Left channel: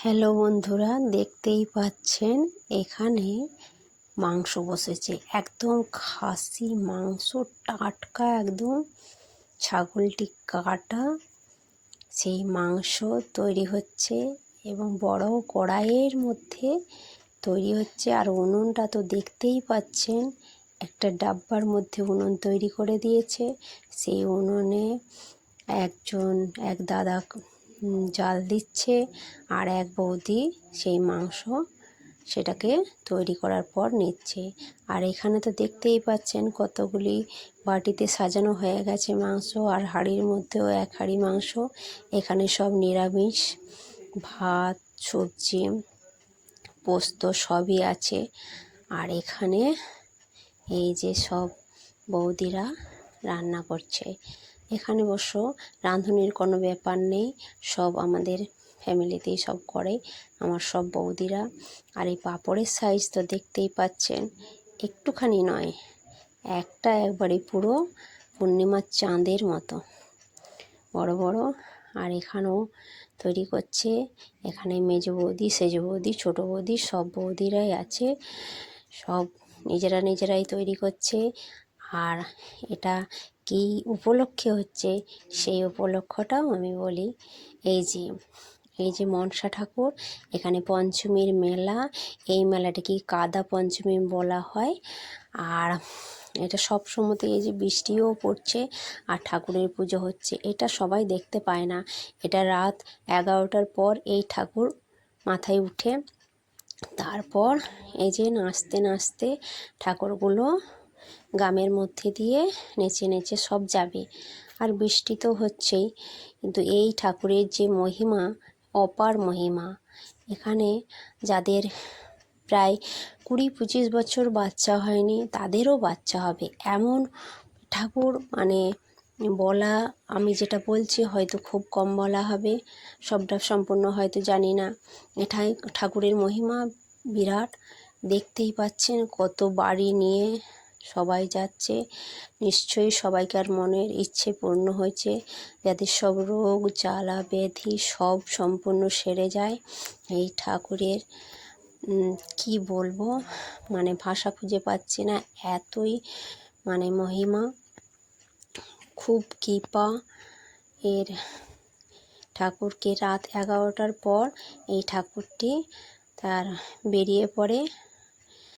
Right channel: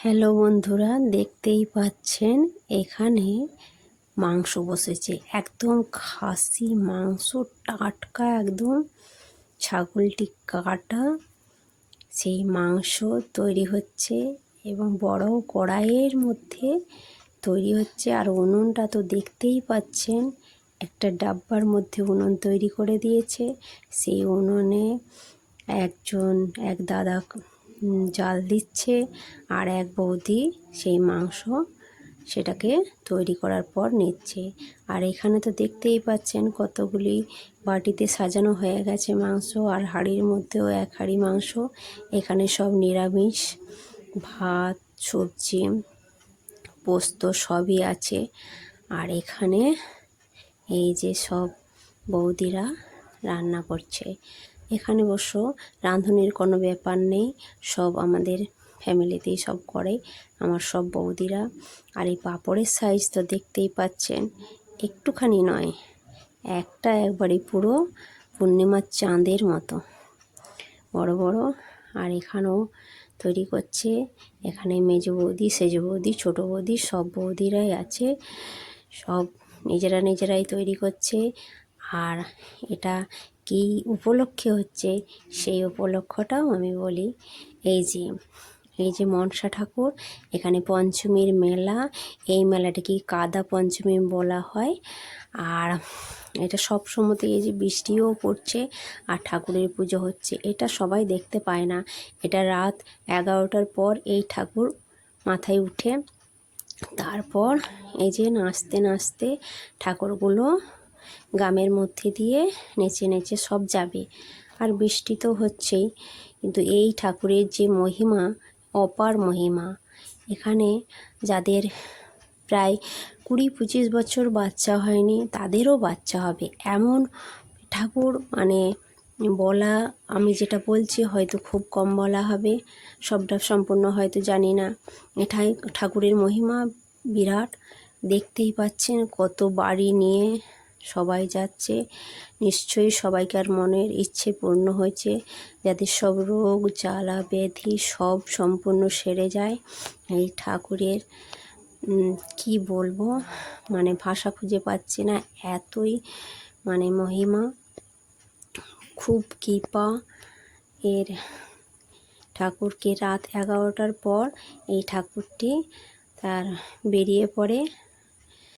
Hello বন্ধুরা, দেখতেই পাচ্ছেন এখানে মাংস বসেছে। একদম খাসি মাংস, টাটকা একদম, ছাগলটি কাটা। সেই মাংস তৈরি হচ্ছে এবং বড় কড়াইয়ের মধ্যে তৈরি হচ্ছে। আর উনুনটা তো দেখতেই পাচ্ছেন, একটা ডাব্বার মধ্যে উনুন তৈরি করে দিয়েছে। সেই উনুনে এক দাদা জাল দিচ্ছে, আর এক বৌদি সেই মাংস সেটাকে তৈরি করার পর নিচ্ছে। আর এখানে তো দেখতেই পাচ্ছেন কতগুলি বাটিতে সাজানো হয়ে গেছে মাংস, আর হাঁড়ির মধ্যেও এক হাঁড়ি মাংস। এখানে সব নিরামিষ, ভাত, সবজি, পোস্ত সবই আছে। আর এখানে এই যে সব বৌদিরা রান্না করছে। এখানে অবশ্য রাঁধুনির কোনো ব্যাপার নেই, সব আমাদের ফ্যামিলিতেই সব করে আমার সব বৌদিরা। আর এই পাঁপড়ের সাইজ তো দেখতেই পাচ্ছেন, একটুখানি নয়, একবারে পুরো পূর্ণিমার চাঁদের মতো বড় বড়। আর এখানেও তৈরি করছে, এখানে মেজো বৌদি, সেজো বৌদি, ছোটো বৌদি, সব বৌদিরাই আছে। সব নিজেরাই তৈরি করছে। আর এটা কী উপলক্ষে হচ্ছে সেই উপলক্ষটাও আমি বলি। এই যে মনসা ঠাকুর, এখানে পঞ্চমীর মেলা, এই মেলাটিকে কাদা পঞ্চমী বলা হয়। আর এটা সব সময়তে এই যে বৃষ্টিও পড়ছে আর ঠাকুরের পুজো হচ্ছে, এটা সবাই দেখতে পায় না। এটা রাত 11টার পর এই ঠাকুর মাথায় উঠে, তারপর এই যে নাচতে নাচতে ঠাকুরগুলো গ্রামের মধ্যে দিয়ে নেচে নেচে সব যাবে। আর বৃষ্টি তো হচ্ছেই, কিন্তু এই ঠাকুরের যে মহিমা, অপার মহিমা। এখানে যাদের প্রায় 20-25 বছর বাচ্চা হয়নি, তাদেরও বাচ্চা হবে এমন ঠাকুর। মানে বলা, আমি যেটা বলছি হয়তো খুব কম বলা হবে, সবটা সম্পূর্ণ হয়তো জানি না। এটাই ঠাকুরের মহিমা বিরাট। দেখতেই পাচ্ছেন কত বাড়ি নিয়ে সবাই যাচ্ছে। নিশ্চয়ই সবাইকার মনের ইচ্ছে পূর্ণ হয়েছে, যাদের সব রোগ জ্বালা ব্যাধি সব সম্পূর্ণ সেরে যায় এই ঠাকুরের। কি বলবো, মানে ভাষা খুঁজে পাচ্ছি না, এতই মানে মহিমা, খুব কৃপা এর। ঠাকুরকে রাত 11টার পর এই ঠাকুরটি তার বেরিয়ে পড়ে